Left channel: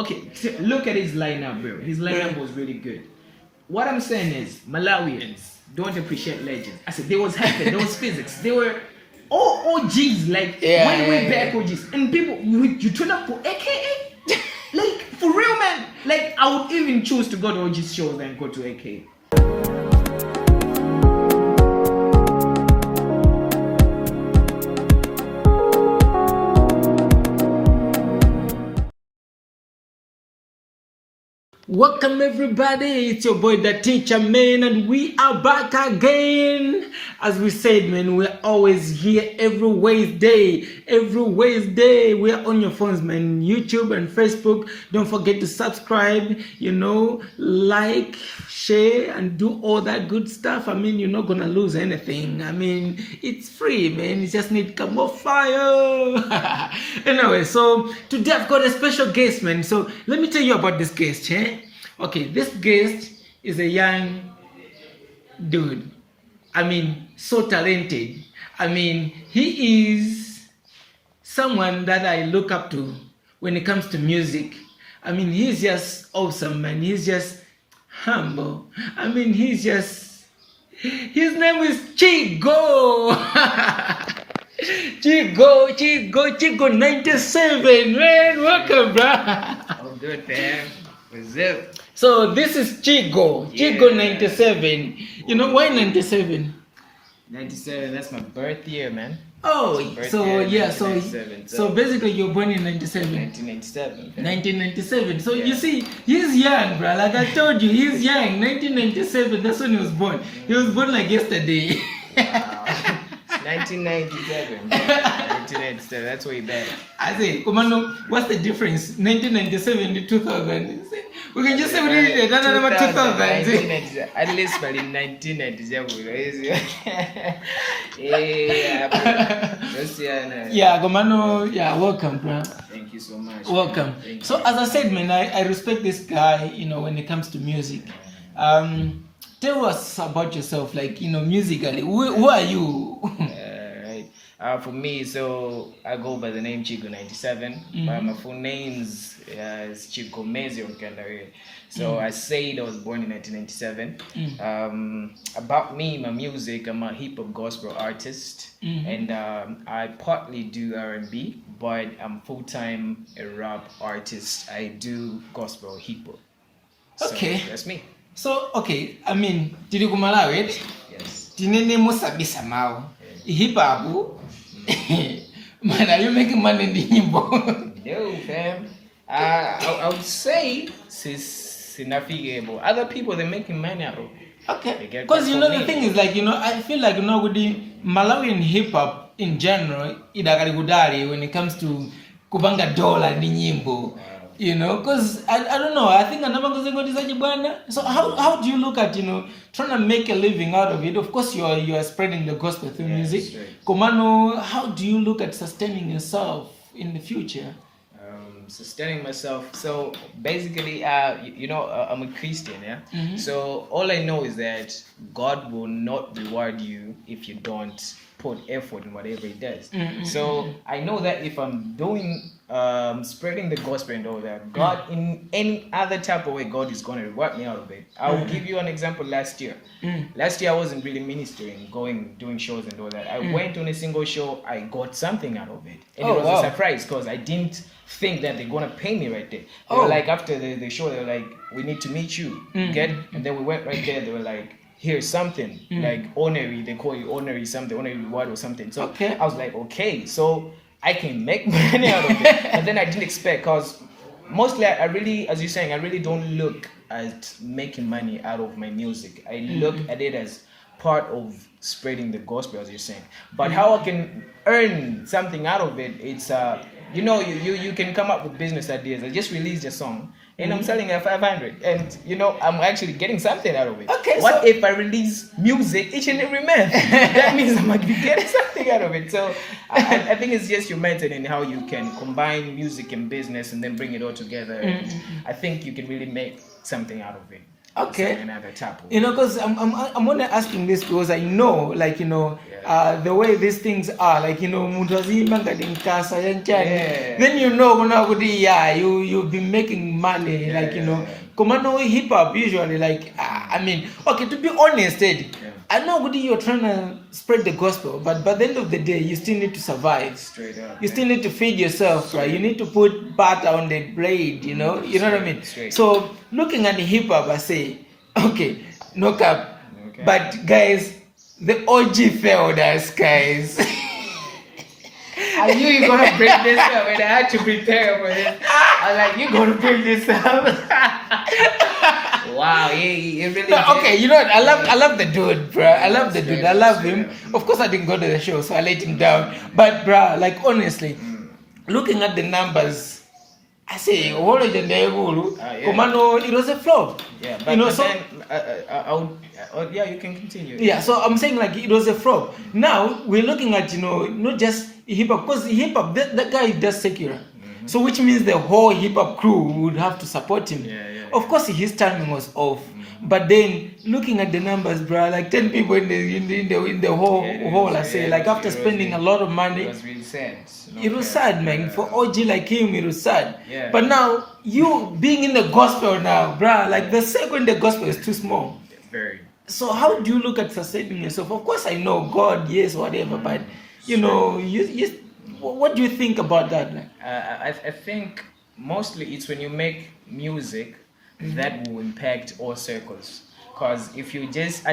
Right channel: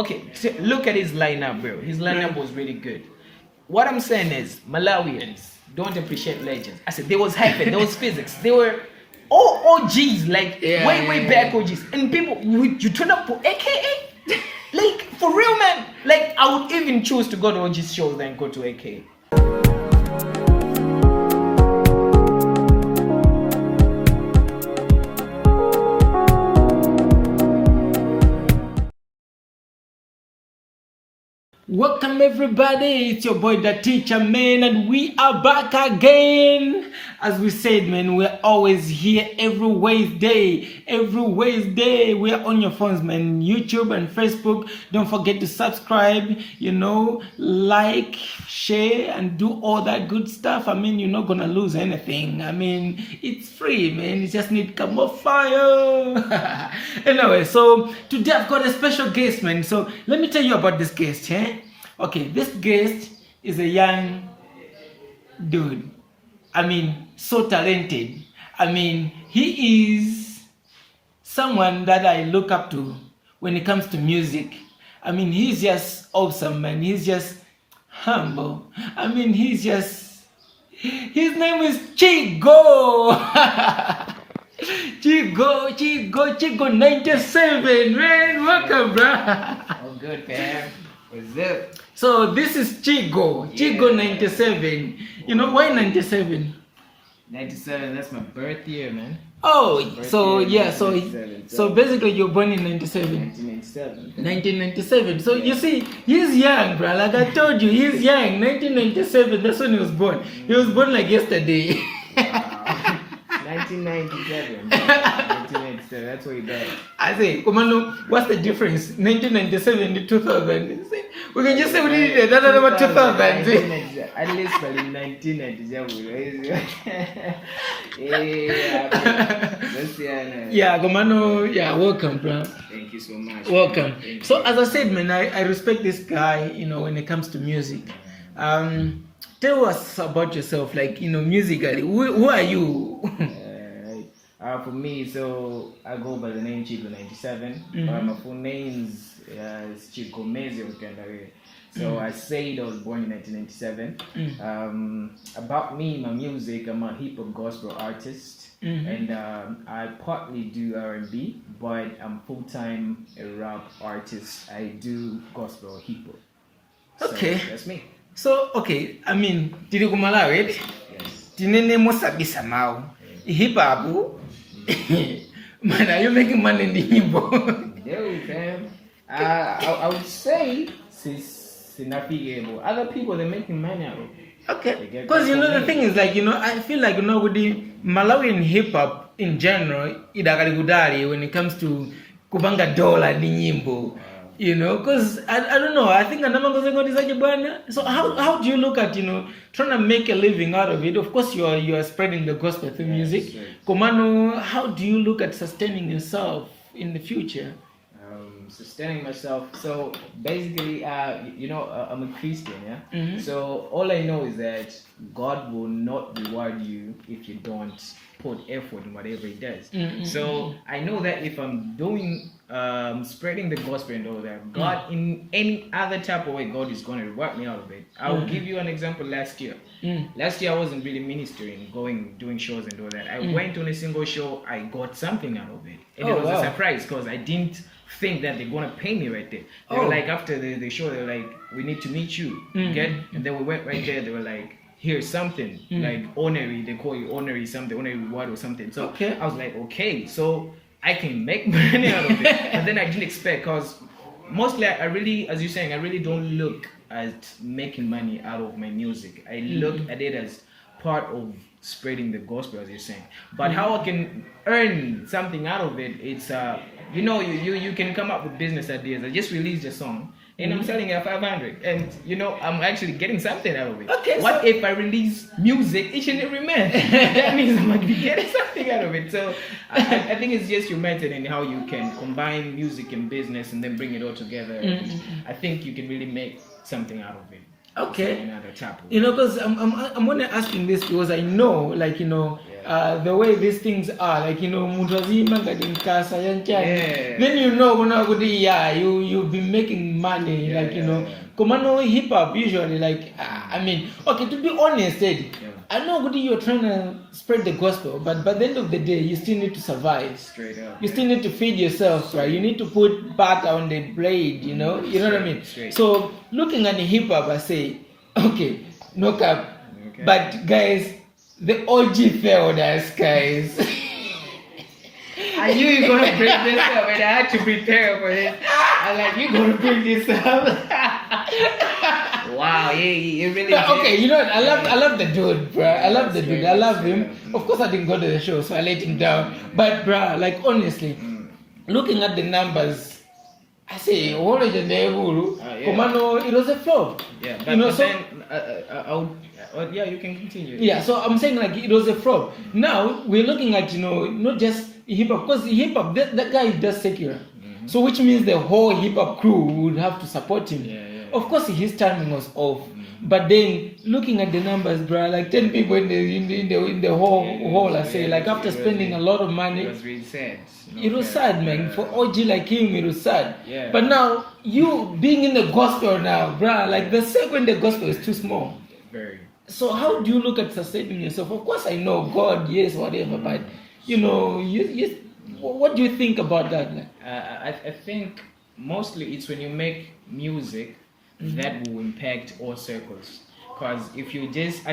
okay, look at his lineup, bro. His lineup was really good. What I'm saying is, Malawians don't appreciate legends. I said there was heaven, there was physics, they were all OGs, like way back OGs. And people, you turn up for AKA, like for real, man. Like I would even choose to go to OG's show than go to AKA. Welcome everybody, it's your boy the teacher, man, and we are back again. As we said, man, we're always here every Wednesday. We are on your phones, man, YouTube and Facebook. Don't forget to subscribe, like, share, and do all that good stuff. I mean, you're not gonna lose anything. I mean, it's free, man. You just need come off fire. Anyway, so today I've got a special guest, man. So let me tell you about this guest, Okay, this guest is a young dude. I mean, so talented. I mean, he is someone that I look up to when it comes to music. I mean, he's just awesome, man. He's just humble. I mean, his name is Chigo. Chigo97, man. Welcome, bro. Oh, good, fam. What's up? So this is Chigo97. You know why 97? 97, that's my birth year, man. Oh, so basically you're born in 97. 1997. So you see, he's young, bro. Like I told you, he's young. 1997, that's when he was born. He was born like yesterday. Wow. 1997. 1997, that's way back. I say, Komano, what's the difference? 1997 to 2000. We can just say we did it another number 2000. At least by 1997. Yeah, Komano, yeah, welcome, bro. Thank you so much. Welcome. So as I said, man, I respect this guy, when it comes to music. Tell us about yourself, like, musically. Who are you? For me, so I go by the name Chigo97. My full name is Chigo97. So I said I was born in 1997. About me, my music, I'm a hip hop gospel artist, and I partly do R&B, but I'm full-time a rap artist. I do gospel hip hop. Okay, so that's me. So okay, I mean, did you go Malawi? Yes. Tinene mosabisa mau. Hip hop. Man, are you making money in the nyimbo? No, fam. I would say other people, they're making money out of it. Okay. Because the thing is, like, I feel like with the Malawian hip hop in general, when it comes to kubanga dollar ni nyimbo. Because I don't know, I think so how do you look at trying to make a living out of it? Of course you are spreading the gospel through music. Right. Komano, how do you look at sustaining yourself in the future? Sustaining myself, so basically I'm a Christian, so all I know is that God will not reward you if you don't put effort in whatever he does. So I know that if I'm doing spreading the gospel and all that, God in any other type of way, God is going to reward me out of it. I'll give you an example. Last year I wasn't really ministering, doing shows and all that. I went on a single show, I got something out of it, and it was a surprise because I didn't think that they're gonna pay me right there. They were like, after the show, they were like, we need to meet you, get? And then we went right there. They were like, here's something like honorary. They call you honorary something, honorary reward or something. So I was like, okay, so I can make money out of it. And then I didn't expect, because mostly I really, as you're saying, I really don't look at making money out of my music. I look at it as part of spreading the gospel, as you're saying. But how I can earn something out of it, it's you can come up with business ideas. I just released a song and I'm selling at 500, and I'm actually getting something out of it. Okay, what if I release music each and every month? That means I'm going to be getting something out of it. So I think it's just your method and how you can combine music and business and then bring it all together. I think you can really make something out of it. Okay. Because I'm only asking this because I know, like, the way these things are, like, muntu wazima ngati mkasa yanchani. Yeah. Then yeah, you'll be making money, Yeah, like, yeah. Komano hip hop usually, like, I mean, okay, to be honest, Eddie, I know you're trying to spread the gospel, but by the end of the day, you still need to survive. Straight up. You still need to feed yourself, right? You need to put butter on the blade, you know what I mean? Straight. So looking at the hip hop, I say, okay, no cap. Okay. But guys, the OG failed us, guys. I knew you were gonna bring this up, and I had to prepare for it. I'm like, you gonna bring this up? Wow, he really. Okay, you know what? I love the dude, bro. I love the dude. I love him. Of course, I didn't go to the show, so I let him down. But, bro, like, honestly, looking at the numbers, I say, Holygang, it was a flop. Yeah, but yeah, you can continue. Yeah, so I'm saying, like, it was a flop. Now we're looking at, not just hip hop, because hip hop, that guy does secular. So which means the whole hip hop crew would have to support him. Yeah. Of course, his timing was off, but then looking at the numbers, bro, like 10 people in the whole, I say, like, after spending a lot of money, it was really sad. it was sad, man. For OG like him, it was sad. Yeah. But now you being in the gospel now, bro, like the circle in the gospel is too small. Very. So how do you look at sustaining yourself? Of course, I know God, yes, whatever, but what do you think about that? I think mostly it's when you make music that will impact all circles. Because if you just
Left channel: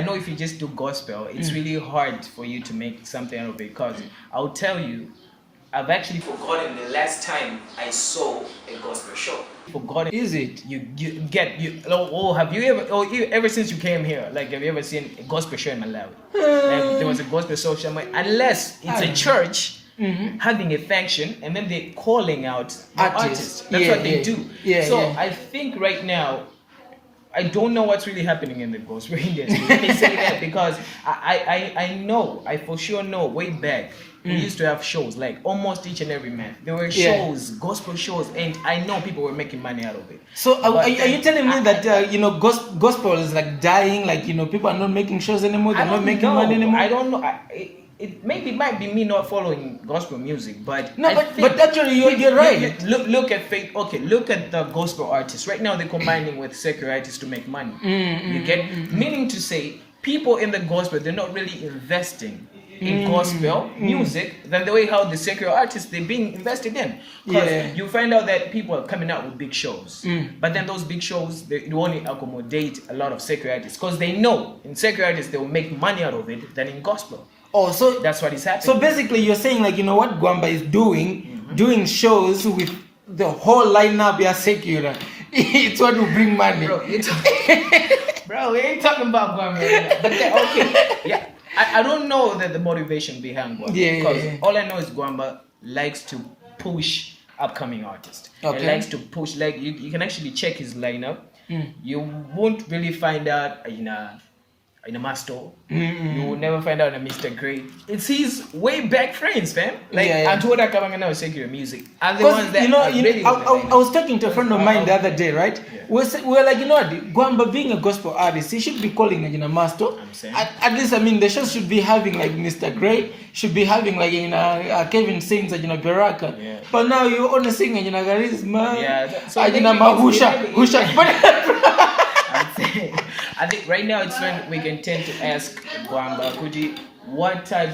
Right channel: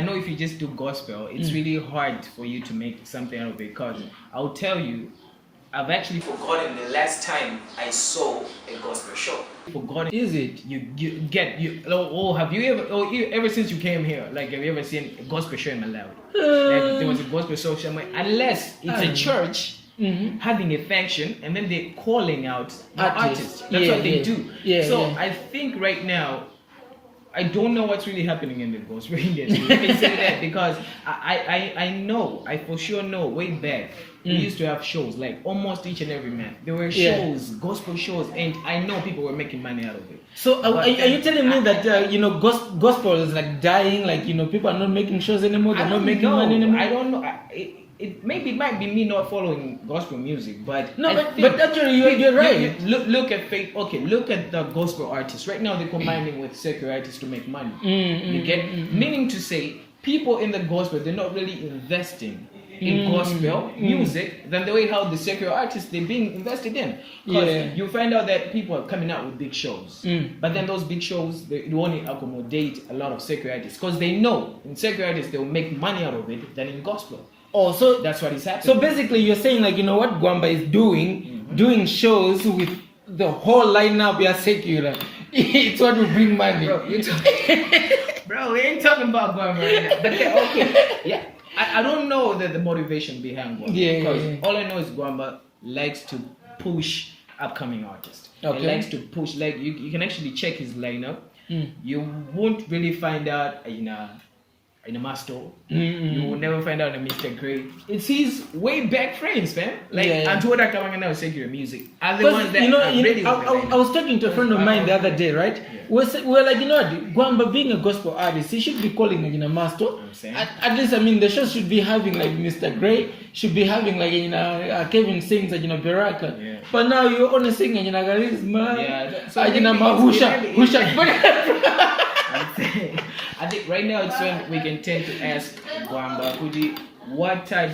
do gospel, it's really hard for you to make something out of it. Because I'll tell you, I've actually forgotten the last time I saw a gospel show. Forgotten. Is it? Have you ever since you came here, like, have you ever seen a gospel show in Malawi? Like, there was a gospel show somewhere, unless it's a church having a function and then they're calling out the artists. That's what they do. I think right now, I don't know what's really happening in the gospel industry. Let me say that, because I for sure know way back we used to have shows like almost each and every month. There were shows, gospel shows, and I know people were making money out of it. So are you telling me that gospel is like dying? Like, people are not making shows anymore. They're not making money anymore. I don't know. It might be me not following gospel music, but but actually you're right. Look at faith. Okay, look at the gospel artists right now. They're combining with secular artists to make money. You get, meaning to say, people in the gospel, they're not really investing in gospel music than the way how the secular artists they're being invested in. Because you find out that people are coming out with big shows, but then those big shows they only accommodate a lot of secular artists because they know in secular artists they'll make money out of it than in gospel. Oh, so that's what is happening. So basically, you're saying, like, what Gwamba is doing shows with the whole lineup. We are secular. It's what will bring money. Bro, we ain't talking about Gwamba right now. But okay, yeah. I don't know the motivation behind Gwamba. Because all I know is Gwamba likes to push upcoming artists. Okay. He likes to push, like, you can actually check his lineup. You won't really find out in a master. You will never find out in a Mr. Grey. It's his way back friends, fam. Like, Antoda coming out secular music. And the ones that I was talking to a friend of mine the other day, right? We're like, Gwamba being a gospel artist, he should be calling like, master. At least, I mean, the show should be having like Mr. Grey, should be having like, Kevin sings like, Baraka. But now you're only singing, Charisma, so Husha. I think right now it's when we can tend to ask Gwamba, what type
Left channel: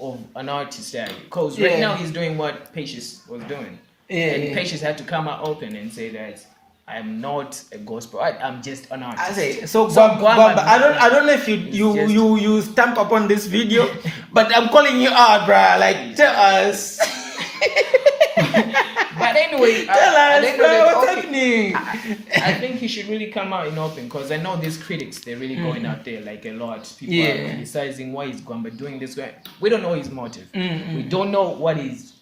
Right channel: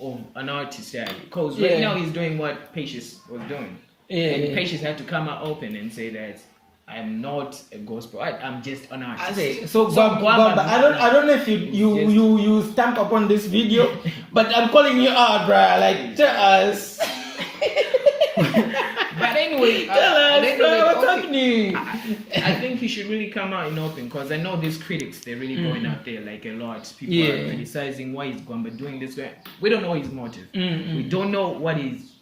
of an artist are you? Because right now he's doing what Patience was doing. And Patience had to come out open and say that I'm not a gospel artist, I'm just an artist. I say, so Gwamba, I don't know if you stamp upon this video, but I'm calling you out, bruh. Like, tell us. But anyway, what's happening? I think he should really come out in open, because I know these critics, they're really going out there like a lot. People are criticizing why is Gwamba doing this. We don't know his motive. We don't know what is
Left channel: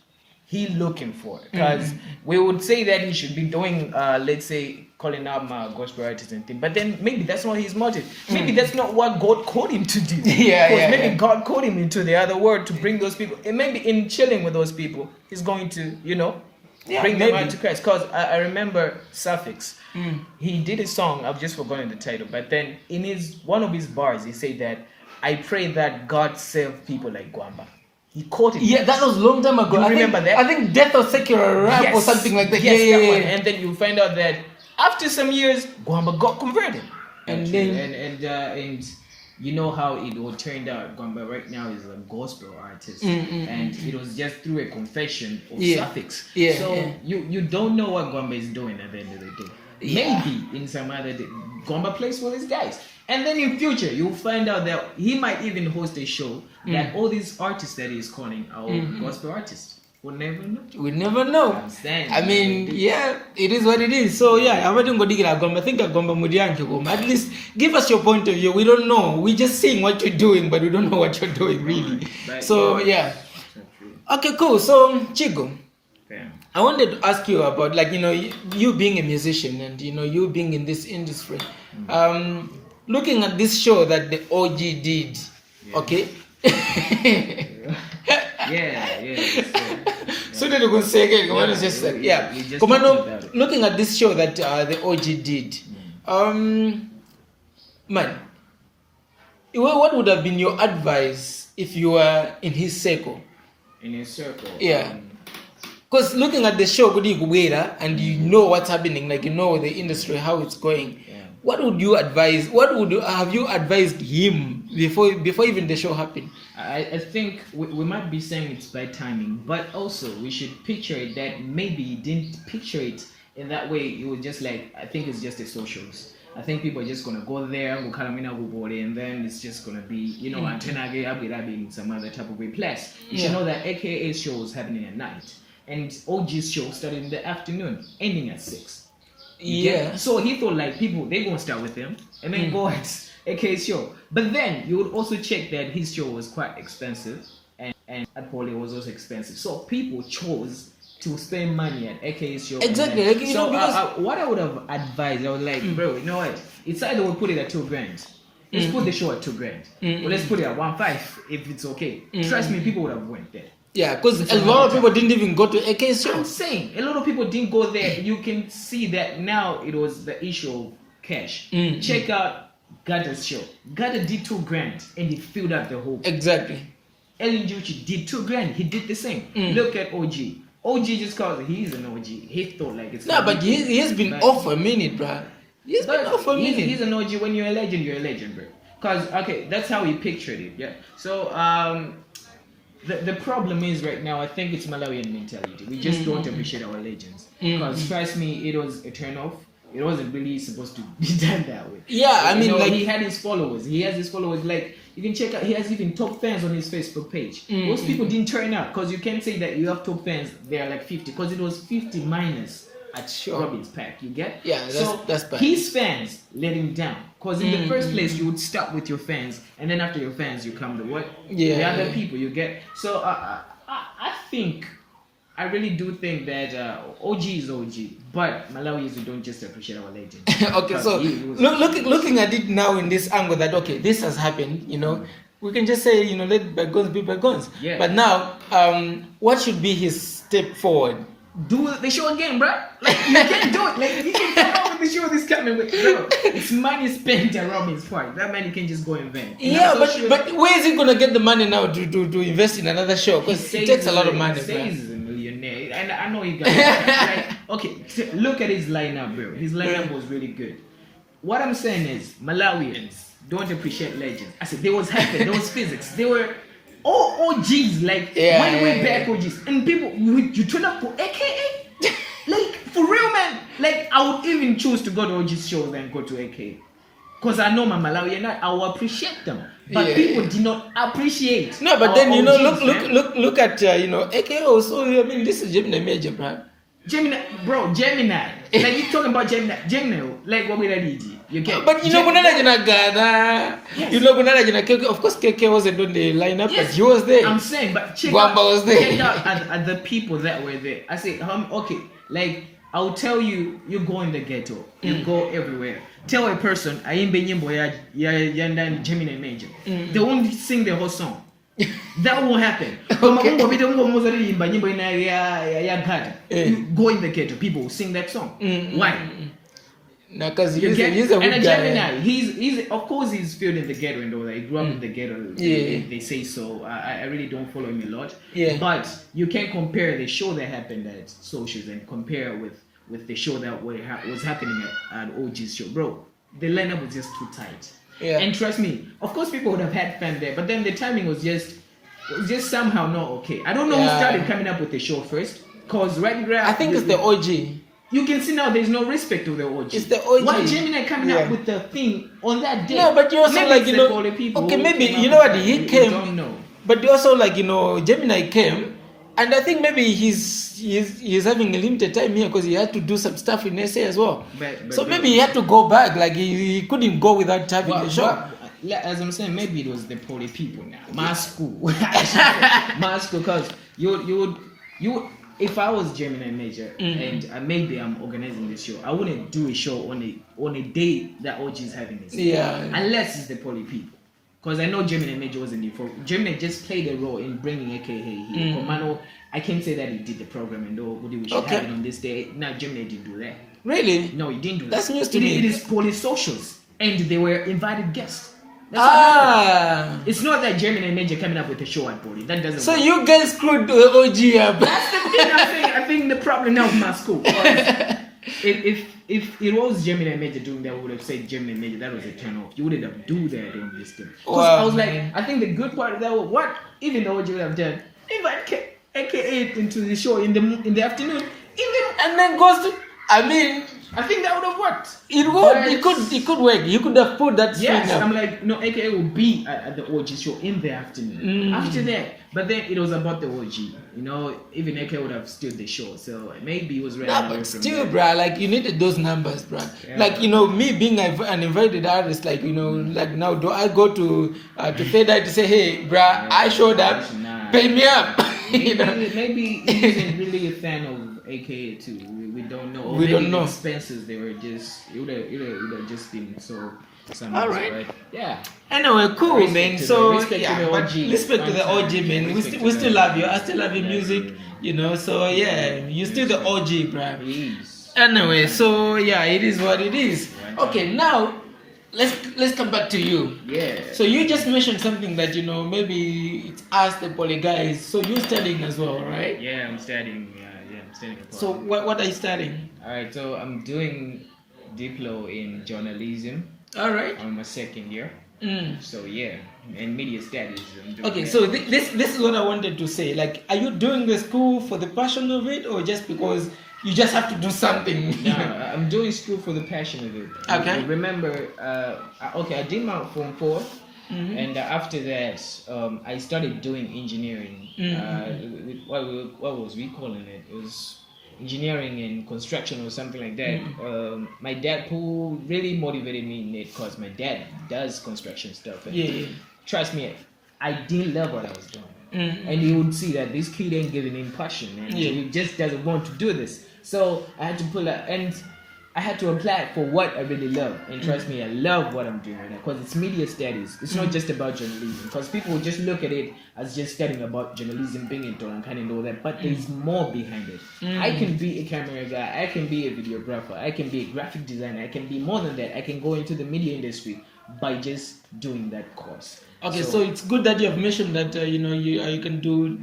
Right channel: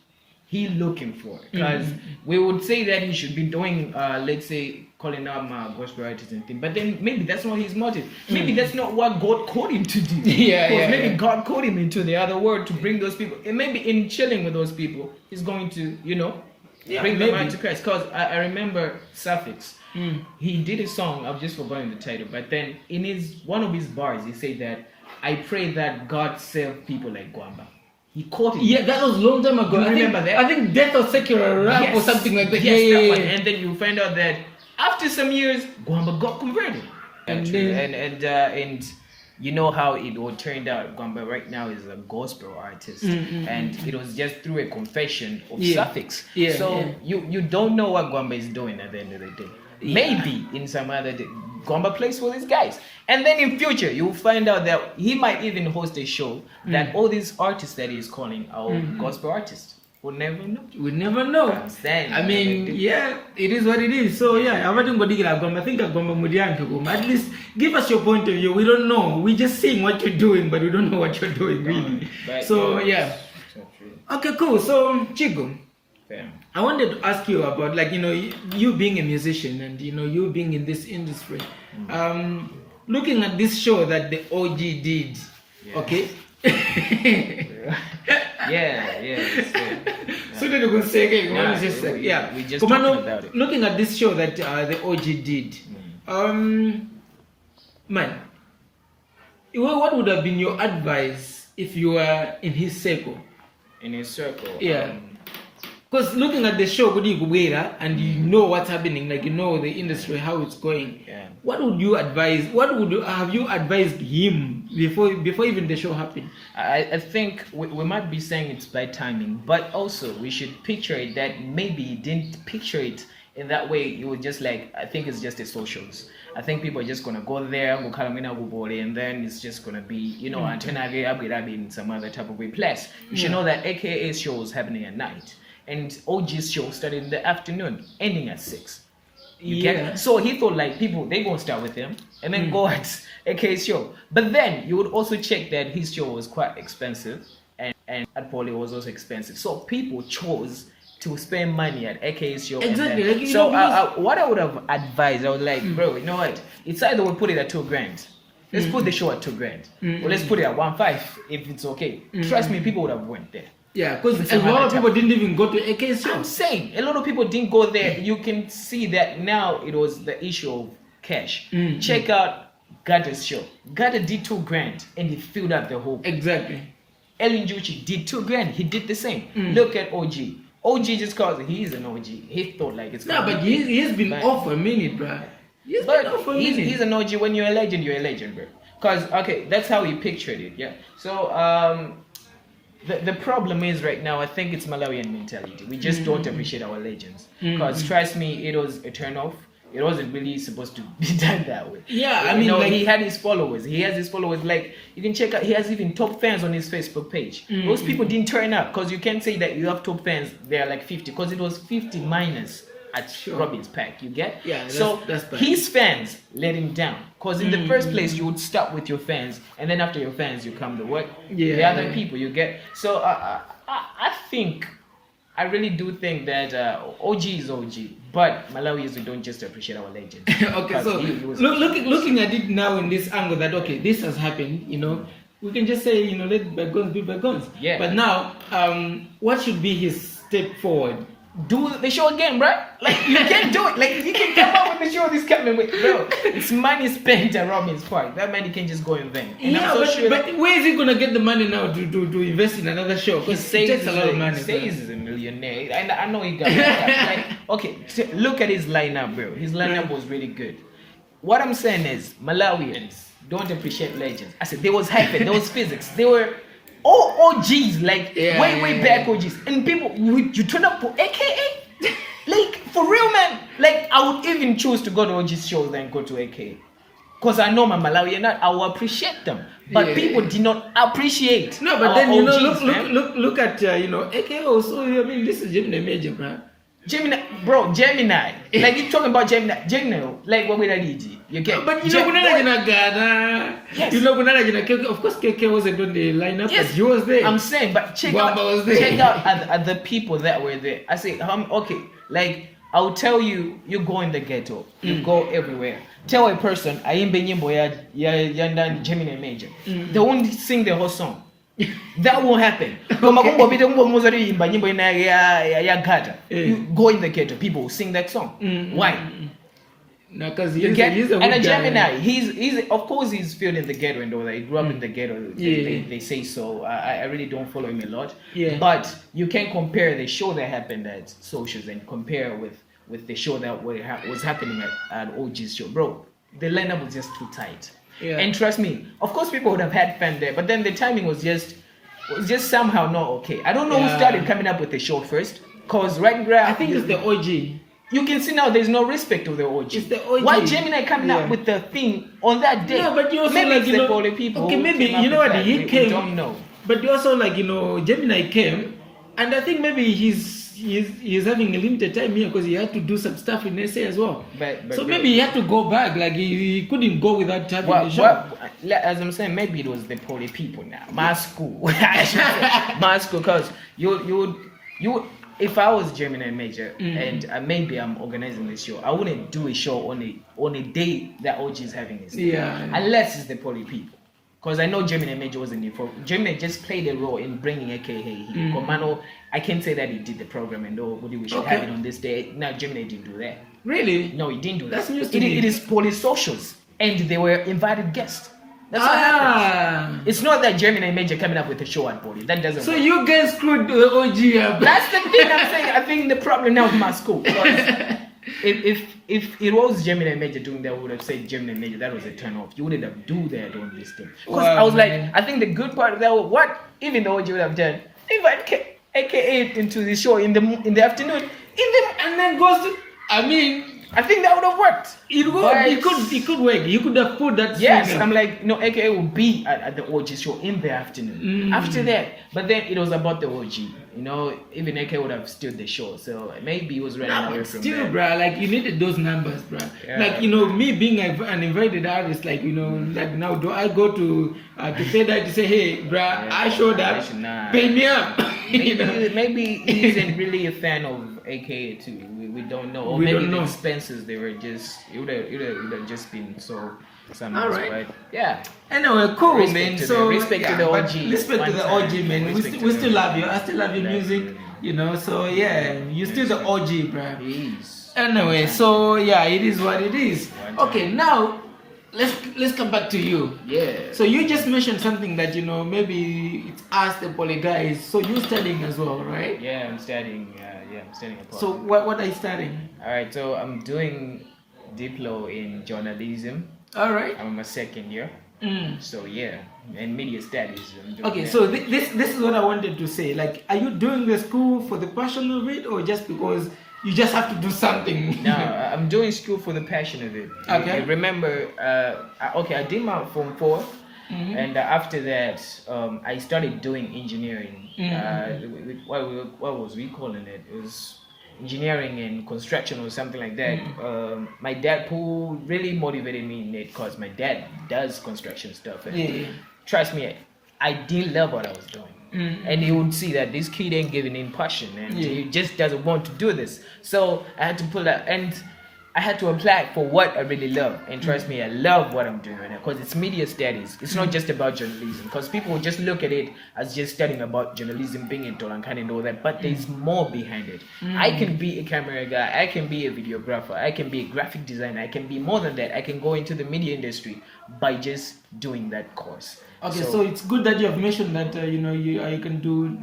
he looking for, because we would say that he should be doing, let's say, calling out gospel artists and things. But then maybe that's not his motive. Maybe that's not what God called him to do. Because maybe God called him into the other world to bring those people. And maybe in chilling with those people, he's going to, bring them out to Christ. Because I remember Suffix. He did a song, I've just forgotten the title, but then in one of his bars, he said that I pray that God save people like Gwamba. He caught it. Yeah, that was a long time ago. You I remember think, that? I think Death of Secular Rap Yes. or something like that. Yes, that one. Yeah. And then you find out that after some years, Gwamba got converted. And And you know how it all turned out. Gwamba right now is a gospel artist, and it was just through a confession of suffix. Yeah, so you don't know what Gwamba is doing at the end of the day. Maybe in some other day, Gwamba plays for these guys, and then in future you'll find out that he might even host a show that all these artists that he's calling are gospel artists. We'll never know. We never know. I mean, yeah, it is what it is. So yeah, I wouldn't go dig at Gwamba. I think Gwamba Mudianke. At least give us your point of view. We don't know. We're just seeing what you're doing, but we don't know what you're doing really. So yeah. Okay, cool. So Chigo, I wanted to ask you about, like, you being a musician and you being in this industry. Looking at this show that the OG did, okay? So did you go say again? Yeah. Looking at this show that the OG did, man, what would have been your advice if you were in his circle? In his circle? Yeah. Because looking at the show, and you know what's happening, like the industry, how it's going. Yeah. What would you advise? Have you advised him before even the show happened? I think we might be saying it's by timing, but also we should picture it that maybe he didn't picture it in that way. It was just like, I think it's just a socials. I think people are just gonna go there, and then it's just gonna be, in some other type of way. Plus, you should know that AKA show is happening at night, and OG's show started in the afternoon, ending at 6. So he thought like people, they gonna start with him and then go at AK's show. But then you would also check that his show was quite expensive and at Poly was also expensive. So people chose to spend money at AK's show. Exactly. What I would have advised, I was like, bro, you know what? It's either we put it at $2,000. Let's put the show at $2,000. Or let's put it at 1.5 if it's okay. Trust me, people would have went there. Yeah, because a lot of people didn't even go to AK's show. I'm saying a lot of people didn't go there. You can see that now it was the issue of cash. Check out Gada's show. Gada did $2,000 and he filled up the whole. Exactly. Ellen Juchi did $2,000. He did the same. Look at OG. OG just cause he's an OG. He thought like it's. No, but he has been off a minute, bro. He's been off a minute. He's an OG. When you're a legend, you're a legend, bro. Cause that's how he pictured it. Yeah. So The problem is right now, I think it's Malawian mentality. We just don't appreciate our legends. Because trust me, it was a turn off. It wasn't really supposed to be done that way. Yeah, I mean, he had his followers. He has his followers. Like, you can check out, he has even top fans on his Facebook page. Those people didn't turn up because you can't say that you have top fans. They are like 50 because it was 50 minus at Robin's pack. You get? Yeah, that's bad. His fans let him down. Because in the first place, you would start with your fans, and then after your fans, you come to what? The other people, you get? So I think, I really do think that OG is OG, but Malawians don't just appreciate our legend. Okay, so looking at it now in this angle that, okay, this has happened, we can just say, let bygones be bygones. Yeah. But now, what should be his step forward? Do the show again, bro. Like, you can do it. Like, you can come out with the show this coming week, bro. It's money spent at Robin's Park. That money can just go in vain. But where is he gonna get the money now to invest in another show? Because it takes a lot of money. He says he's a millionaire, and I know he got that. Like, okay, so look at his lineup, bro. His lineup was really good. What I'm saying is, Malawians don't appreciate legends. I said there was heaven, there was physics, they were all OGs, like way back OGs, and people you turn up for AKA, like for real, man. Like I would even choose to go to OG's shows than go to AKA, cause I know my Malawian, I will appreciate them, but people did not appreciate. No, but then OGs, look at AKA also. I mean, this is Gemini major, bro. Gemini. Like you talking about Gemini, like what we did. You get, but you know, of course, KK wasn't on the lineup, but he was there. I'm saying, but Gwamba was there. Check out the people that were there. I say, okay, like I'll tell you, you go in the ghetto, you go everywhere. Tell a person, I ain't been Yandan Gemini major. They won't sing the whole song. That won't happen. You go in the ghetto, people will sing that song. Why? No, because You he's, get, he's a good and a guy. Gemini, he's of course he's filled in the ghetto and all that. He grew up in the ghetto. They say so. I really don't follow him a lot. Yeah. But you can compare the show that happened at Socials and compare with the show that was happening at OG's show, bro. The lineup was just too tight. Yeah. And trust me, of course people would have had fun there, but then the timing was just somehow not okay. I don't know who started coming up with the show first, cause right now I think it's the OG. You can see now there's no respect to the OG. It's the OG. Why Gemini coming up with the thing on that day? No, but you also maybe like, it's you the know, Poly people okay, who maybe, came up you know with what, that. he We came, don't know. but you also like, you know, Gemini came, and I think maybe he's having a limited time here because he had to do some stuff in SA as well. But so maybe he had to go back, like he couldn't go without having the show. As I'm saying, maybe it was the Poly people now. My school. My school, because you would, if I was Gemini major and maybe I'm organizing this show, I wouldn't do a show on a day that OG is having this. Yeah. Unless it's the Poly people. Because I know Gemini major wasn't there for. Gemini just played a role in bringing AKA Commando. I can't say that he did the program and we should have it on this day. No, Gemini didn't do that. Really? No, he didn't do that. That's news to me. It is Poly socials. And they were invited guests. That's what happened. It's not that Gemini major coming up with a show at Poly. That doesn't So work. you guys screwed the OG up. That's the thing I'm saying. I think the problem now in my school. If it was Gemini major doing that, I would have said Gemini major. That was a turn off. You wouldn't have do that on this thing. Because I was like, I think the good part of that was what even the OG would have done. Invite AKA into the show in the afternoon, and then goes to. I mean, I think that would have worked. It would. It could work. You could have put that. Yes, I'm like, no, AKA will be at the OG show in the afternoon. After that, but then it was about the OG. You know, even AKA would have stood the show. So maybe it was right. Nah, but still, bruh, like you needed those numbers, bruh. Yeah. Like, you know, me being an invited artist, like, you know, like now do I go to Heator to say, hey, bruh, I showed up, pay me up. Maybe he isn't really a fan of AKA too. We don't know. We don't know. Expenses, they were just it would have just been so. All right. Yeah. Anyway, cool, Respect man. to So respect to the but OG. respect to the OG, man. We still love you. I still love your music, you know. So yeah, you still the OG, bruh. Please. Anyway, so yeah, it is what it is. Okay, now let's come back to you. Yeah. So you just mentioned something that, you know, maybe it's us the Poly guys. So you're studying as well, right? Yeah, I'm studying. I'm studying. So what are you studying? All right. So I'm doing Diplo in journalism. All right. I'm my second year. So yeah, and media studies. Okay, so this is what I wanted to say. Like, are you doing the school for the passion of it, or just because you just have to do something? No, I'm doing school for the passion of it. Okay. You remember, I did my Form 4, and after that, I started doing engineering. What was we calling it? It was engineering and construction or something like that. My dad, who really motivated me in it, because my dad does construction stuff. And trust me, I didn't love what I was doing. And he would see that this kid ain't giving him passion, and he just doesn't want to do this. So I had to pull out, and I had to apply for what I really love. And trust me, I love what I'm doing right now, because it's media studies. It's not just about journalism, because people will just look at it as just studying about journalism, being in Tolankan and all that, but there's more behind it. I can be a camera guy, I can be a videographer, I can be a graphic designer, I can be more than that. I can go into the media industry by just doing that course. Okay, so it's good that you have mentioned that you can do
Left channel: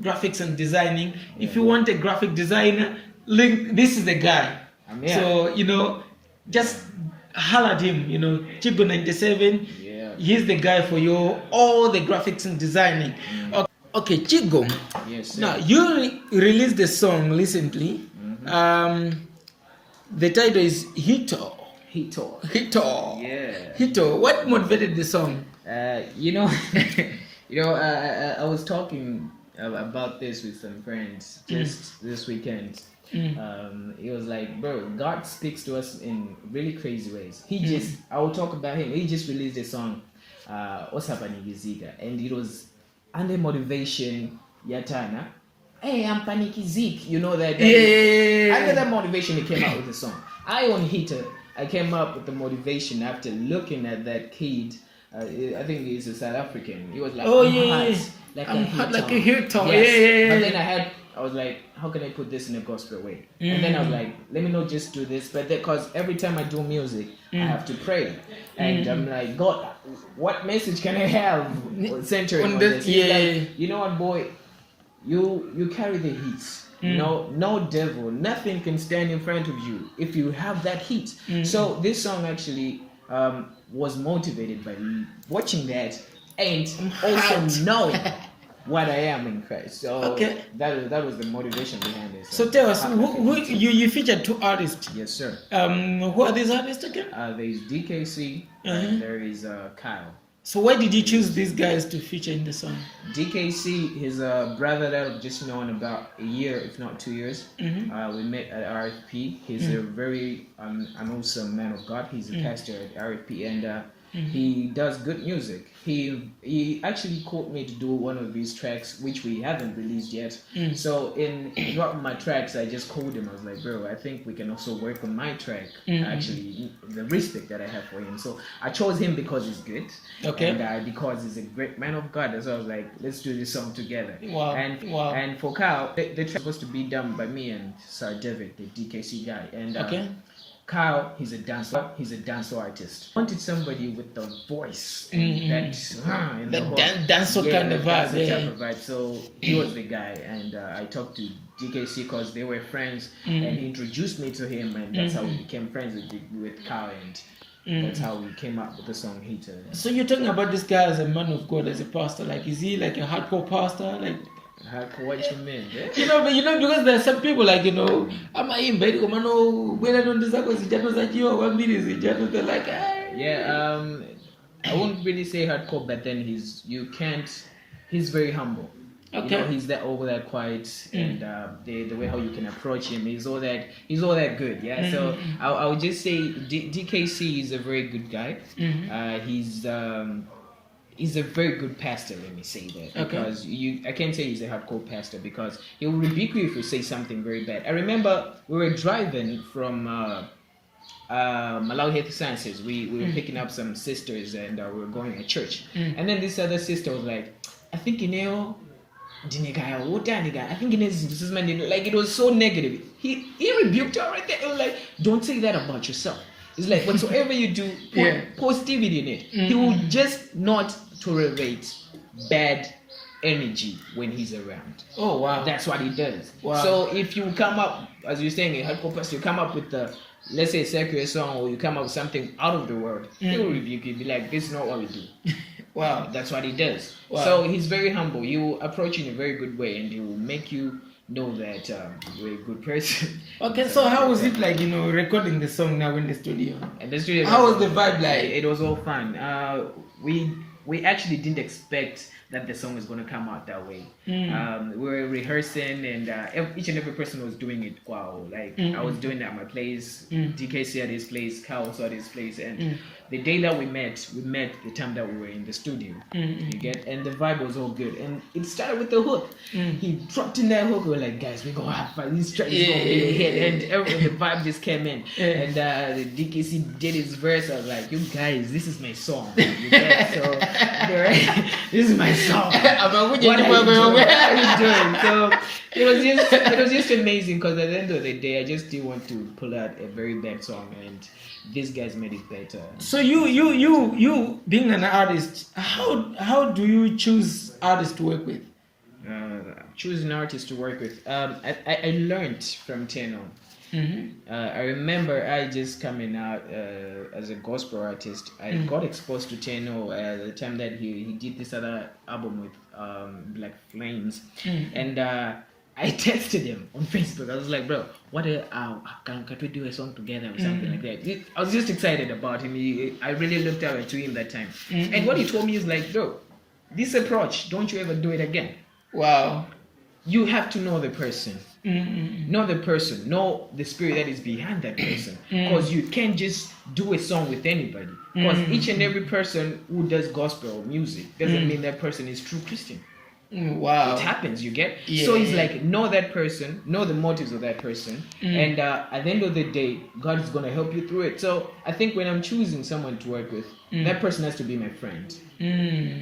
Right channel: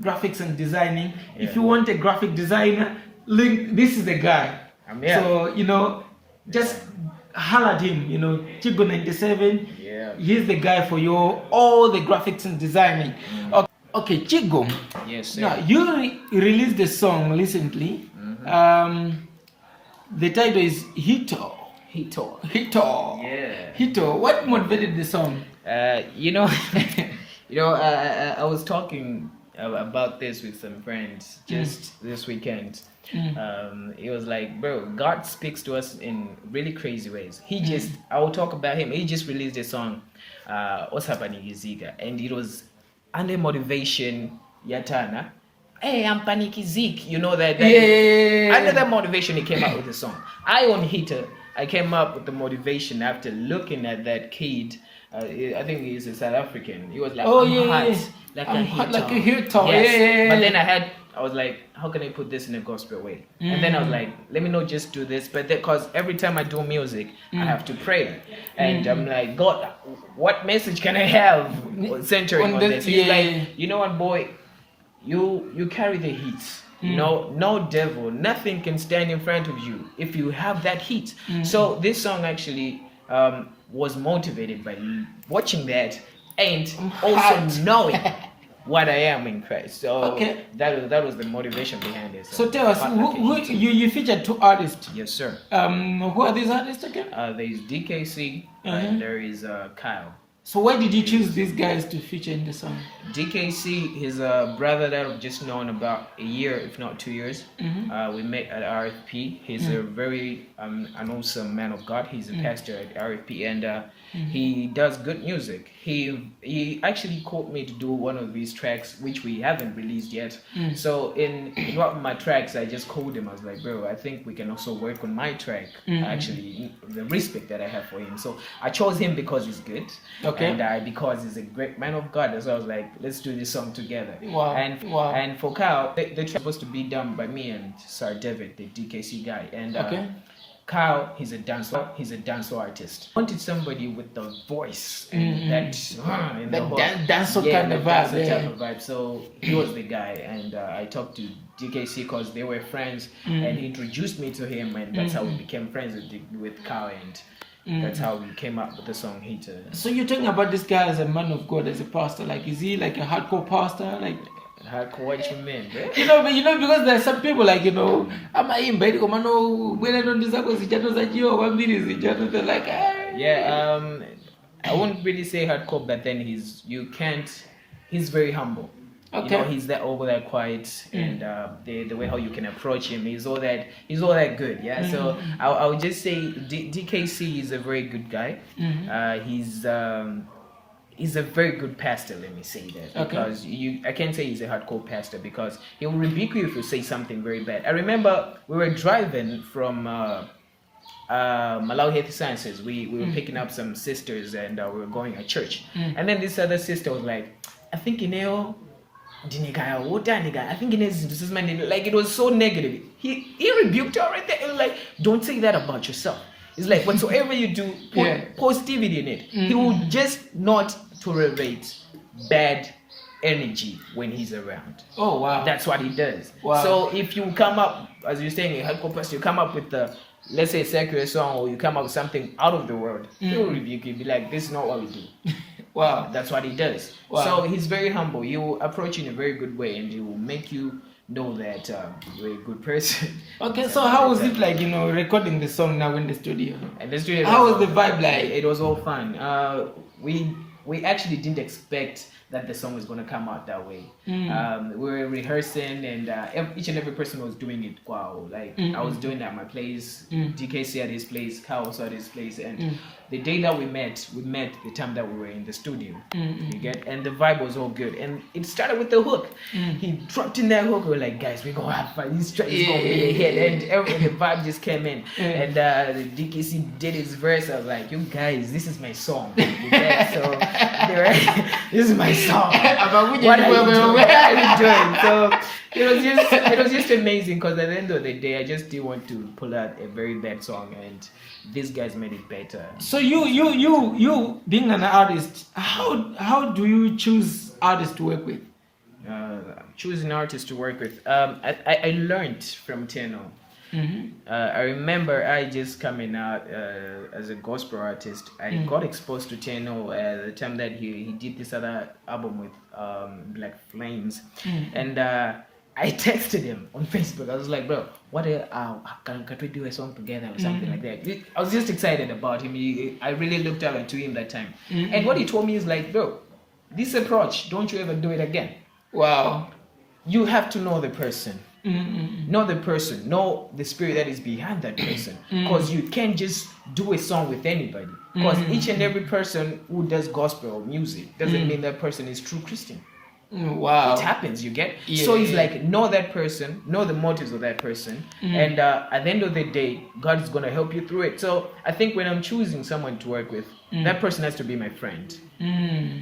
graphics and designing. If you want a graphic designer, this is the guy. So just holler at him. Chigo97. Yeah. He's the guy for all the graphics and designing. Okay, Chigo. Yes, sir. Now you released the song recently. The title is Heator. Heator. Yeah. Heator. What motivated the song? I was talking about this with some friends just this weekend. It was like, bro, God speaks to us in really crazy ways. I will talk about him. He just released a song, What's Happening Iziga, and it was under motivation, Yatana. Hey, I'm Panikizik. You know that. Under that motivation, he came out with the song. On Heator, I came up with the motivation after looking at that kid. I think he's a South African. He was like, I'm hot like a Heator. Yes. But then I had I was like, how can I put this in a gospel way? And then I was like, let me not just do this, but because every time I do music, I have to pray. And I'm like, God, what message can I have centering on this? He's like, you know what, boy, you carry the heat. No devil, nothing can stand in front of you if you have that heat. So this song actually was motivated by watching that and also knowing what I am in Christ. So that was the motivation behind it. So tell us, who you featured 2 artists? Yes, sir. Who are these artists again? There is DKC and there is Kyle. So why did you choose these guys to feature in the song? DKC, his brother that I've just known about a year, if not 2 years. We met at RFP. He's a very an awesome man of God. He's a pastor at RFP, and he does good music. He actually called me to do one of these tracks, which we haven't released yet. So in one of my tracks, I just called him. I was like, bro, I think we can also work on my track. Actually, the respect that I have for him. So I chose him because he's good. And because he's a great man of God. So I was like, let's do this song together. And for Kyle, the track was supposed to be done by me and Sir David, the DKC guy. And Kyle, he's a dancer artist. I wanted somebody with the voice that dancer kind of vibe. So he was the guy, and I talked to DKC because they were friends, and he introduced me to him, and that's how we became friends with Kyle, and that's how we came up with the song Heator. So you're talking about this guy as a man of God, as a pastor. Like, is he like a hardcore pastor? Like, hardcore, what you mean? Because there are some people like, I'm in bed, they're like, I wouldn't really say hardcore, but then he's very humble. He's over that quiet, and the way how you can approach him, he's all that good. So I would just say DKC is a very good guy. He's a very good pastor, let me say that. Because I can't say he's a hardcore pastor because he will rebuke you if you say something very bad. I remember we were driving from Malawi Health Sciences. We were picking up some sisters, and we were going to church. And then this other sister was like, I think I think this is my name. Like, it was so negative. He rebuked her right there. It was like, don't say that about yourself. It's like, whatsoever you do, put positivity in it. He will just not tolerate bad energy when he's around. Oh, wow. That's what he does. Wow. So if you come up, as you're saying, a hardcore person, you come up with let's say, secular song, or you come up with something out of the world, he will rebuke you, be like, this is not what we do. Wow. That's what he does. Wow. So he's very humble. He will approach you in a very good way, and he will make you know that you're a good person. So how was it like, recording the song now in the studio? In the studio, how was the vibe like? It was all fun. We actually didn't expect that the song was going to come out that way. We were rehearsing, and each and every person was doing it. Wow, like I was doing that at my place, DKC at his place, Kyle also at his place, and the day that we met the time that we were in the studio. You get, and the vibe was all good, and it started with the hook. He dropped in that hook. We were like, guys, we're gonna have fun. This track is gonna be a hit, and the vibe just came in. And the DKC did his verse. I was like, you guys, this is my song. You get? So this is my song. What are you doing? So it was just amazing, because at the end of the day, I just didn't want to pull out a very bad song, and these guys made it better. So you being an artist, how do you choose artists to work with? Choosing artists to work with, I learned from Teno. I remember I just coming out as a gospel artist. I got exposed to Teno at the time that he did this other album with Black Flames, and I texted him on Facebook. I was like, bro, what can we do a song together or something like that? I was just excited about him. I really looked up to him that time. And what he told me is like, bro, this approach, don't you ever do it again. Wow. You have to know the person. Know the person. Know the spirit that is behind that person. Because you can't just do a song with anybody. Because each and every person who does gospel music doesn't mean that person is true Christian. Wow. It happens, you get? Yeah. So it's like, know that person, know the motives of that person, and at the end of the day, God is going to help you through it. So I think when I'm choosing someone to work with, that person has to be my friend.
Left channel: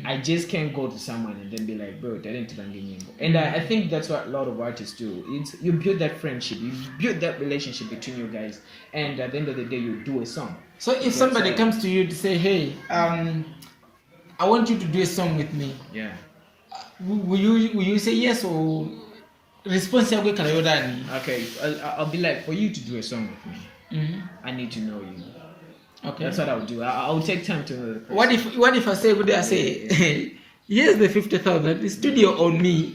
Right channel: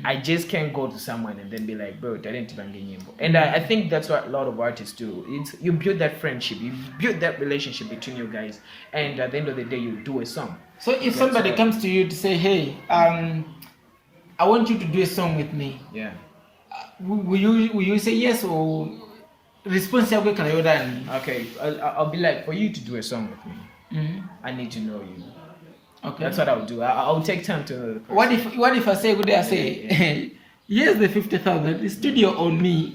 I just can't go to someone and then be like, bro, I didn't even get you. And I think that's what a lot of artists do. You build that friendship, you build that relationship between you guys, and at the end of the day, you do a song. So if somebody comes to you to say, hey, I want you to do a song with me. Yeah. Will you say yes or response yako ikala yodani? Okay, I'll be like, for you to do a song with me, I need to know you. Okay, that's what I'll do. I'll take time to know. What if I say, good? I say, here's the 50,000. The studio on me.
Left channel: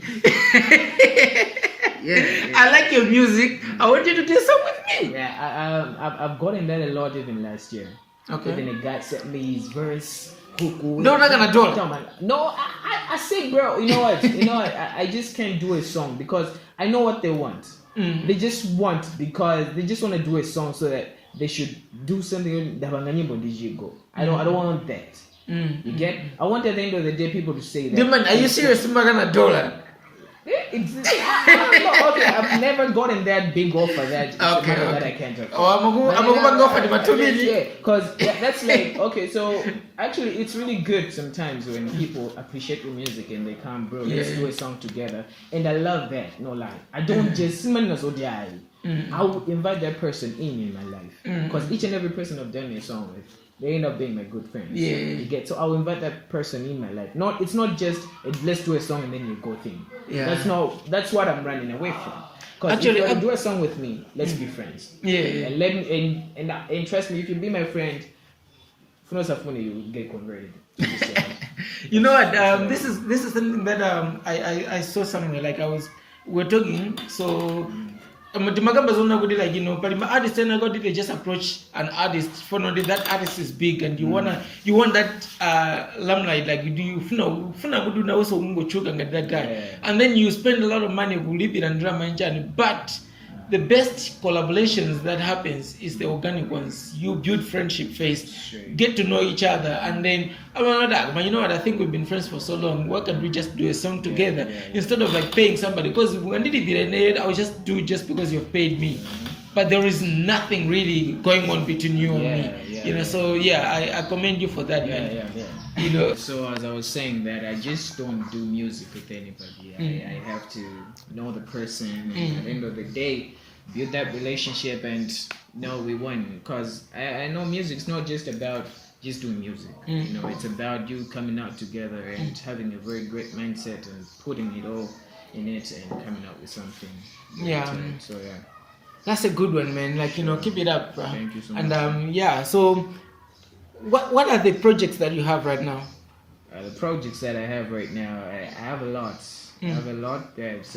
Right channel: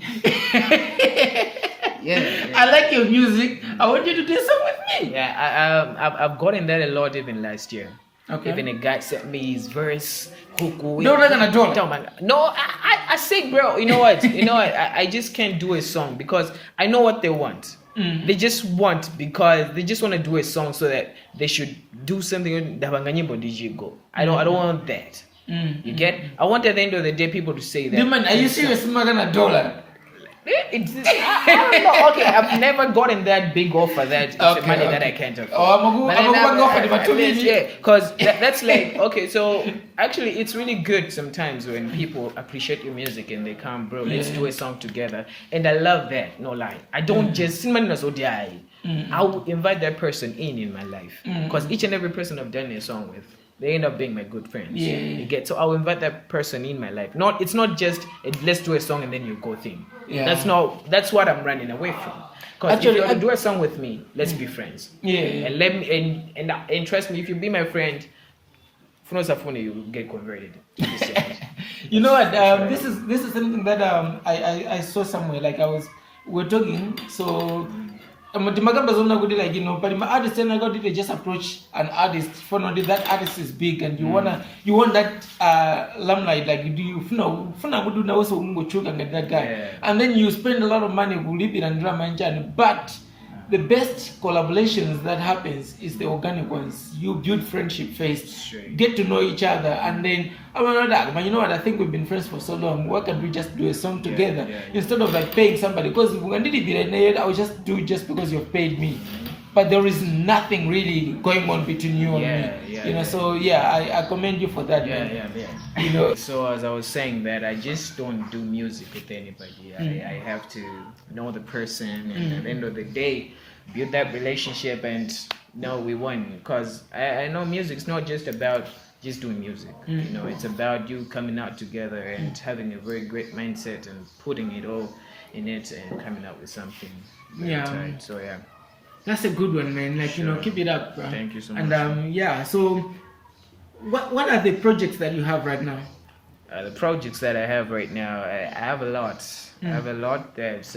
Yeah. I like your music. I want you to do a song with me. Yeah, I've gotten that a lot even last year. Okay. Even a guy sent me his verse. No, not gonna do it. No, I say, bro, you know what? I just can't do a song because I know what they want. They just want because they just want to do a song so that they should do something. I don't want that. You get? I want at the end of the day people to say that. Man, are you serious? $1 Okay, I've never gotten that big offer that money that I can't afford. Oh, I'm going to offer because that's like, okay, so actually it's really good sometimes when people appreciate your music and they come, bro, let's do a song together. And I love that, no lie. I don't just I'll invite that person in my life because each and every person I've done a song with, they end up being my good friends. Yeah. You get, so I'll invite that person in my life. It's not just let's do a song and then you go thing. Yeah. That's what I'm running away from. Because if you do a song with me, let's be friends. Yeah. And let me and trust me, if you be my friend, you will get converted. You know what? This is something that I saw somewhere. Like we're talking, so like, you know, but my artist and I got they just approach an artist for no that artist is big and you want that limelight, like you that guy, and then you spend a lot of money and drama and but the best collaborations that happens is the organic ones. You build friendship first, get to know each other, and then but you know what? I think we've been friends for so long. Why can't we just do a song together instead of like paying somebody? Because when I did it, I would just do it just because you've paid me. But there is nothing really going on between you and me. You know, so I commend you for that, man. You know. So as I was saying that I just don't do music with anybody. I have to know the person, and at the end of the day, build that relationship and know we won. Because I know music's not just about just doing music. You know, it's about you coming out together and having a very great mindset and putting it all in it and coming up with something. So that's a good one, man. Like, you know, keep it up, bro. Thank you so much. And so what are the projects that you have right now? The projects that I have right now, I have a lot. I have a lot. There's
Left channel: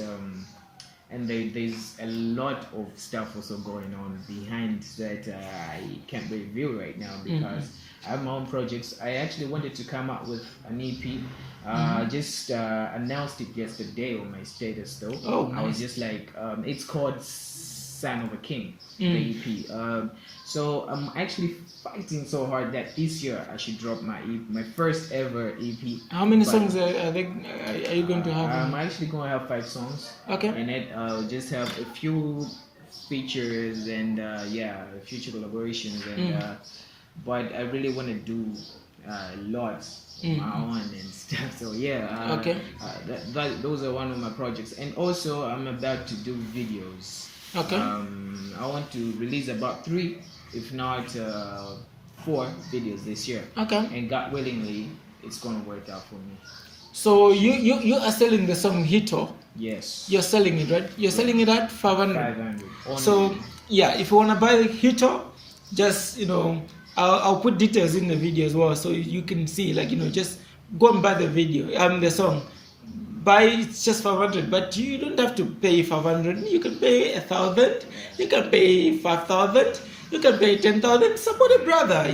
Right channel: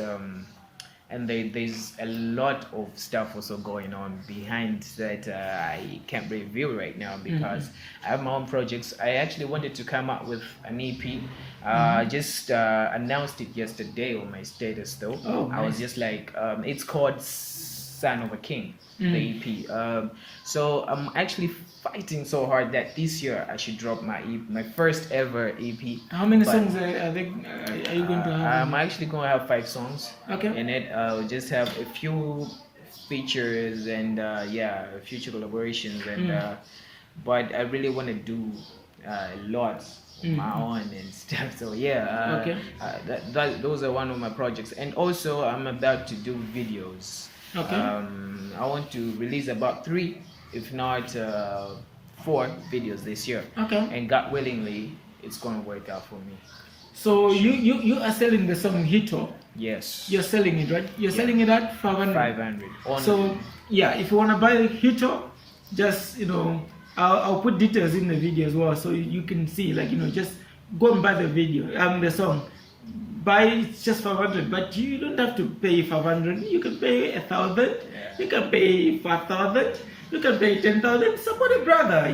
there's a lot of stuff also going on behind that I can't reveal right now because I have my own projects. I actually wanted to come up with an EP. I just announced it yesterday on my status though. Oh, nice. I was just like, it's called Son of a King, the EP. So I'm actually fighting so hard that this year I should drop my first ever EP. How many songs are you going to have? I'm actually going to have 5 songs. Okay. In it, I'll just have a few features and future collaborations and but I really want to do lots my own and stuff. So those are one of my projects, and also I'm about to do videos. Okay. I want to release about 3, if not 4 videos this year. Okay. And God willingly, it's gonna work out for me. So you are selling the song Heator. Yes. You're selling it, right? You're selling it at 500. 500. So if you wanna buy the Heator, just I'll put details in the video as well, so you can see, like, just go and buy the video, the song. Buy it's just 500, but you don't have to pay 500. You can pay 1,000. You can pay 5,000. You can pay 10,000. Support a brother,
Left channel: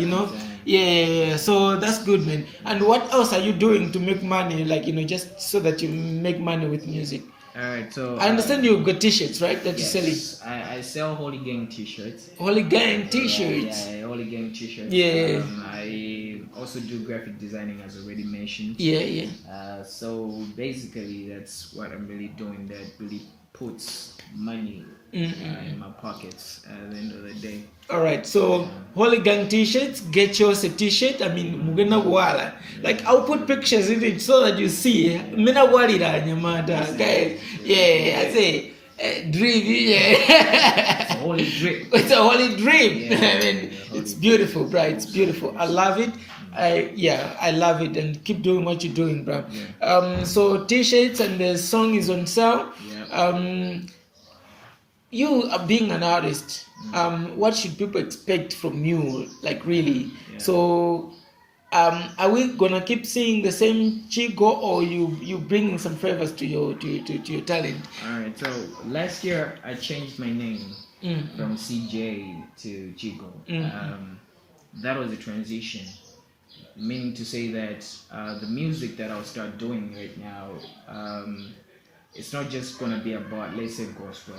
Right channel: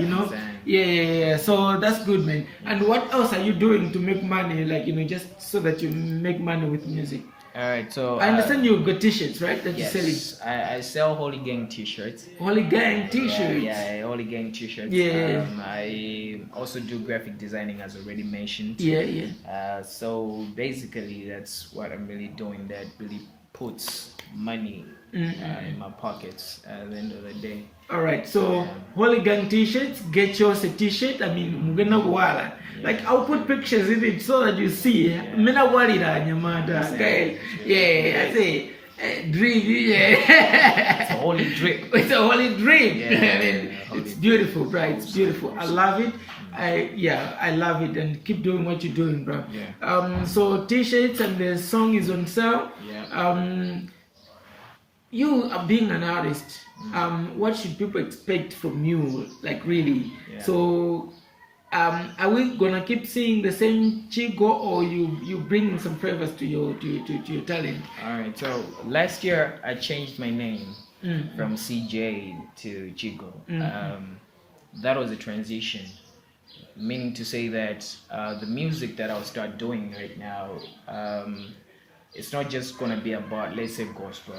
Yeah. So that's good, man. And what else are you doing to make money? Like, just so that you make money with music. Alright, so I understand you've got t-shirts, right? That yes, you're selling. I sell Holygang t-shirts. Holygang t-shirts. Holygang t-shirts. Yeah. I also do graphic designing, as already mentioned. So basically, that's what I'm really doing. That really puts money in my pockets at the end of the day. All right, so Holygang t-shirts, get yours a t-shirt. I mean, mugena wala. Like I'll put pictures in it so that you see. Mina wali da nyamada. I say dream. It's a holy dream. It's a holy dream. I mean, it's beautiful, bro. It's beautiful. I love it. I love it, and keep doing what you're doing, bro. So t-shirts and the song is on sale. You are being an artist. What should people expect from you? Like really? So, are we gonna keep seeing the same Chigo, or you bringing some flavors to your talent? All right. So last year I changed my name from CJ to Chigo. That was a transition, meaning to say that the music that I'll start doing right now. It's not just gonna be about, let's say, gospel.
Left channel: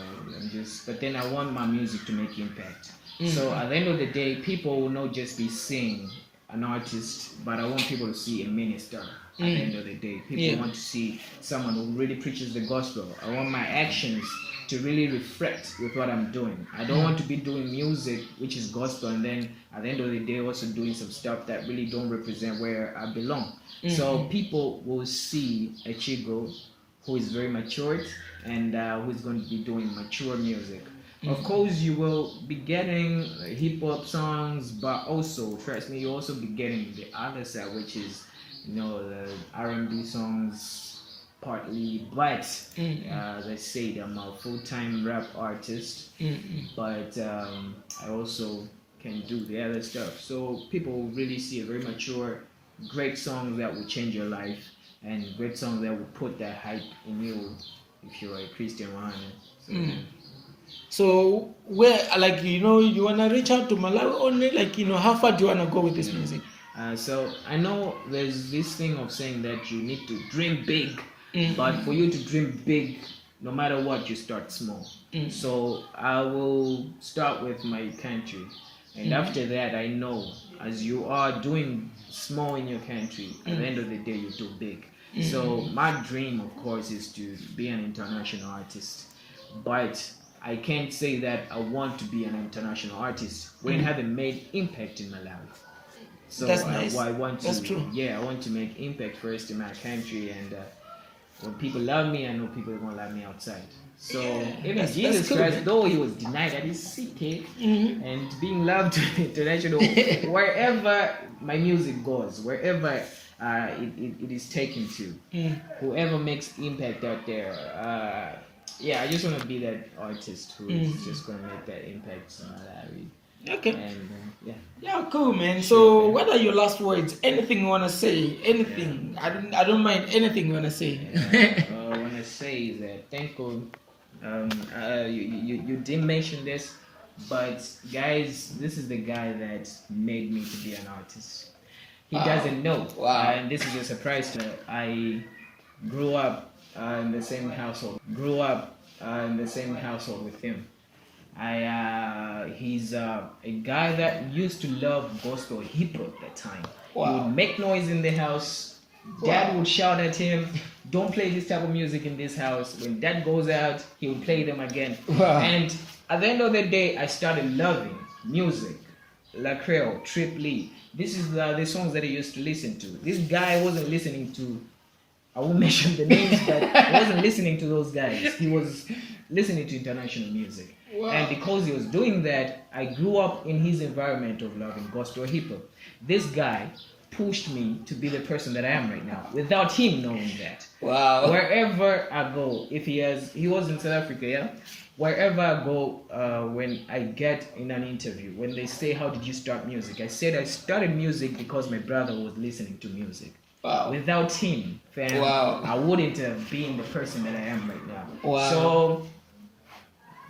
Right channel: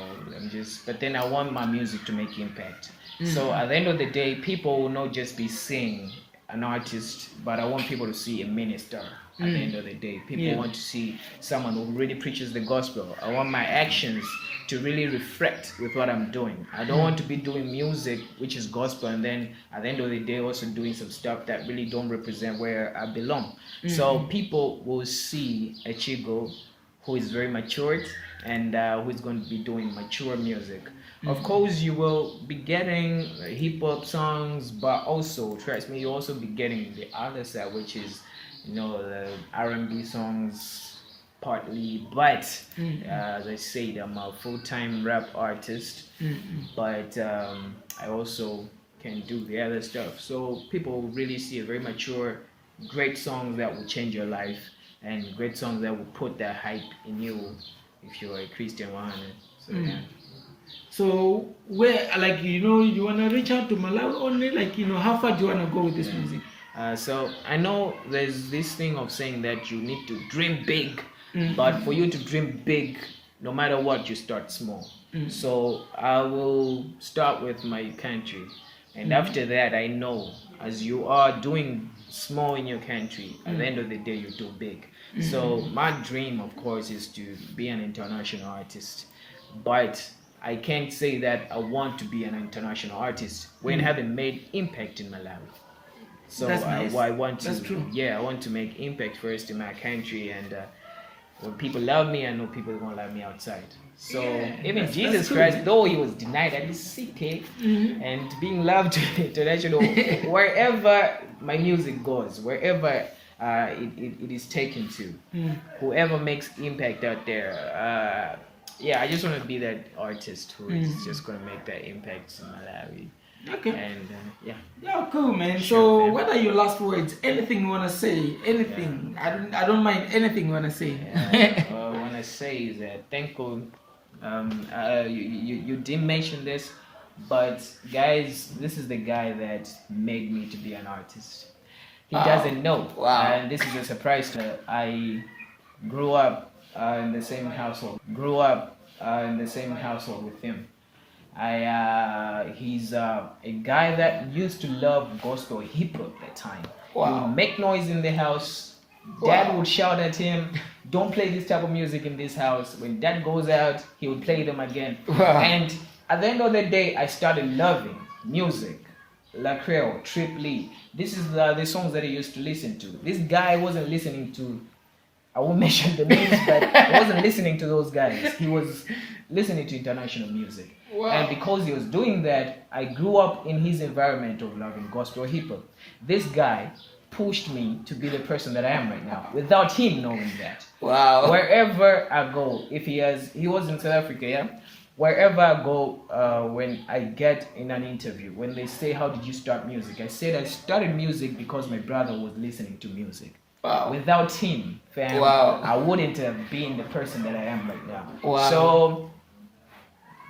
But then I want my music to make impact. So at the end of the day, people will not just be seeing an artist, but I want people to see a minister. At the end of the day, people want to see someone who really preaches the gospel. I want my actions to really reflect with what I'm doing. I don't want to be doing music which is gospel, and then at the end of the day also doing some stuff that really don't represent where I belong. So people will see a Chigo who is very matured and who is going to be doing mature music. Of course, you will be getting hip-hop songs, but also, trust me, you'll also be getting the other side, which is, the R&B songs partly. But as I said, I'm a full-time rap artist, but I also can do the other stuff. So people will really see a very mature, great song that will change your life, and great songs that will put that hype in you if you're a Christian one. So where, like, you wanna reach out to Malawi only? Like, how far do you wanna go with this music? So I know there's this thing of saying that you need to dream big, but for you to dream big, no matter what, you start small. So I will start with my country, and after that, I know as you are doing small in your country, at the end of the day, you do big. So my dream, of course, is to be an international artist, but I can't say that I want to be an international artist when I haven't made impact in Malawi. So that's nice. I want to, that's true. I want to make impact first in my country, and when people love me, I know people are gonna love me outside. So even Jesus Christ, though he was denied at his seat, and being loved international, wherever my music goes, wherever it is taken to, whoever makes impact out there, I just want to be that artist who is just going to make that impact in Malawi. Okay. And cool, man. So what are your last words? Anything you want to say? Anything? I don't mind anything you want to say. What I want to say is that thankful. You didn't mention this, but guys, this is the guy that made me to be an artist. He doesn't know. And this is a surprise to me. I grew up in the same household. With him. He's a guy that used to love gospel hip hop at the time. He would make noise in the house. Dad would shout at him, "Don't play this type of music in this house." When Dad goes out, he would play them again. And at the end of the day, I started loving music. La Creole, Trip Lee. This is the songs that I used to listen to. This guy wasn't listening to, I won't mention the names, but I wasn't listening to those guys. He was listening to international music. And because he was doing that, I grew up in his environment of loving gospel hip hop. This guy pushed me to be the person that I am right now, without him knowing that. Wherever I go, he was in South Africa, wherever I go, when I get in an interview, when they say, "How did you start music?" I said I started music because my brother was listening to music. Without him, fam, I wouldn't have been the person that I am right now. So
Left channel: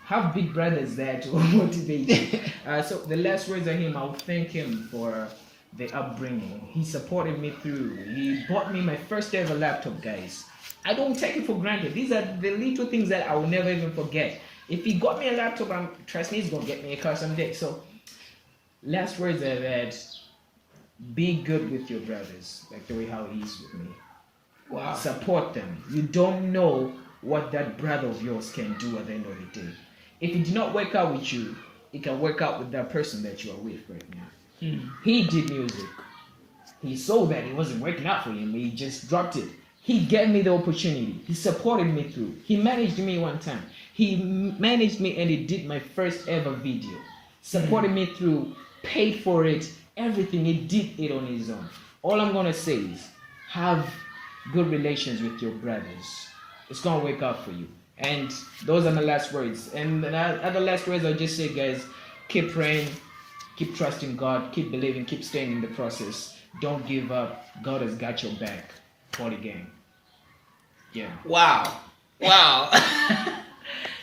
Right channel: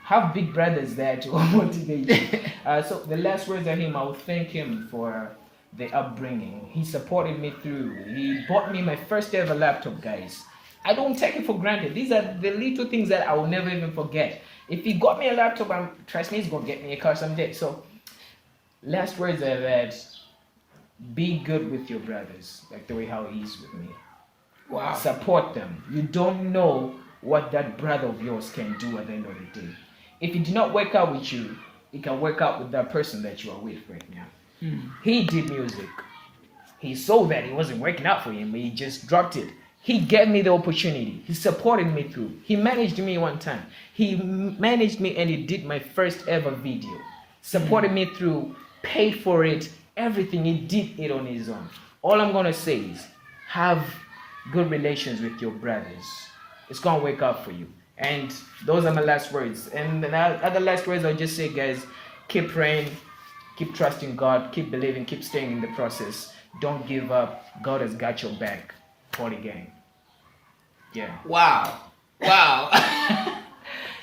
have big brothers there to motivate you. So the last words are him. I will thank him for the upbringing. He supported me through. He bought me my first ever laptop, guys. I don't take it for granted. These are the little things that I will never even forget. If he got me a laptop, trust me, he's going to get me a car someday. So last words are that be good with your brothers, like the way how he is with me. Wow. Support them. You don't know what that brother of yours can do at the end of the day. If it did not work out with you, it can work out with that person that you are with right now. He did music. He saw that it wasn't working out for him. He just dropped it. He gave me the opportunity. He supported me through. He managed me one time. He managed me and he did my first ever video. Supported me through, paid for it, everything. He did it on his own. All I'm going to say is have good relations with your brothers. It's going to work out for you. And those are my last words. And the other last words I'll just say, guys, keep praying, keep trusting God, keep believing, keep staying in the process. Don't give up. God has got your back. Holygang. Yeah. Wow. Wow.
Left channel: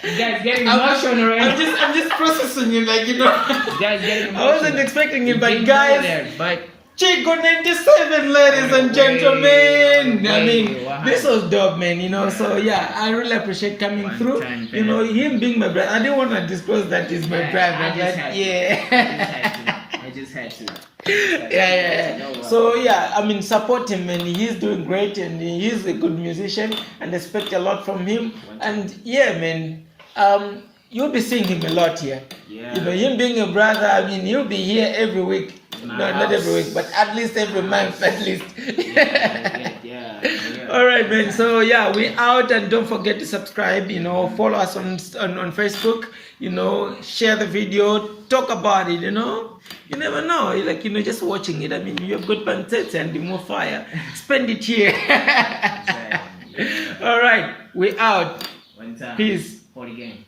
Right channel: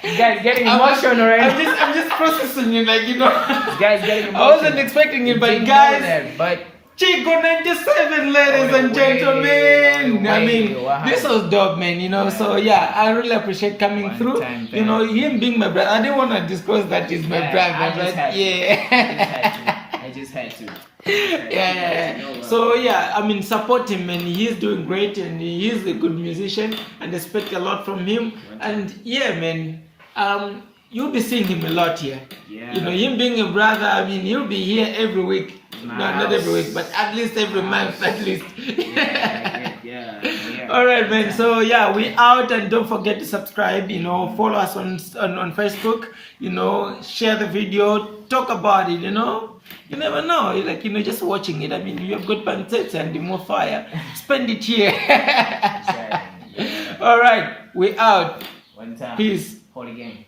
You guys getting emotional, right? I'm just processing it, like, you know. You guys getting emotional. I wasn't expecting it, but guys, that, but Chigo97, ladies and gentlemen. I mean, wow. this was dope, man, you know. So yeah, I really appreciate coming One through. time, You know, him being my brother. I didn't want to disclose that he's my brother, I just had to. Yeah. So yeah, I mean, support him, and he's doing great, and he's a good musician, and expect a lot from him. And yeah, man, you'll be seeing him a lot here. Yeah. You know, him being a brother, I mean, he'll be here every week. No, not every week, but at least every month, at least. Yeah. All right, man. So yeah, we out, and don't forget to subscribe. You know, follow us on Facebook. You know, share the video, talk about it. You know, you never know. Like, you know, just watching it. I mean, you have good pancets and more fire. Spend it here. All right, we out. One time. Peace. Holygang.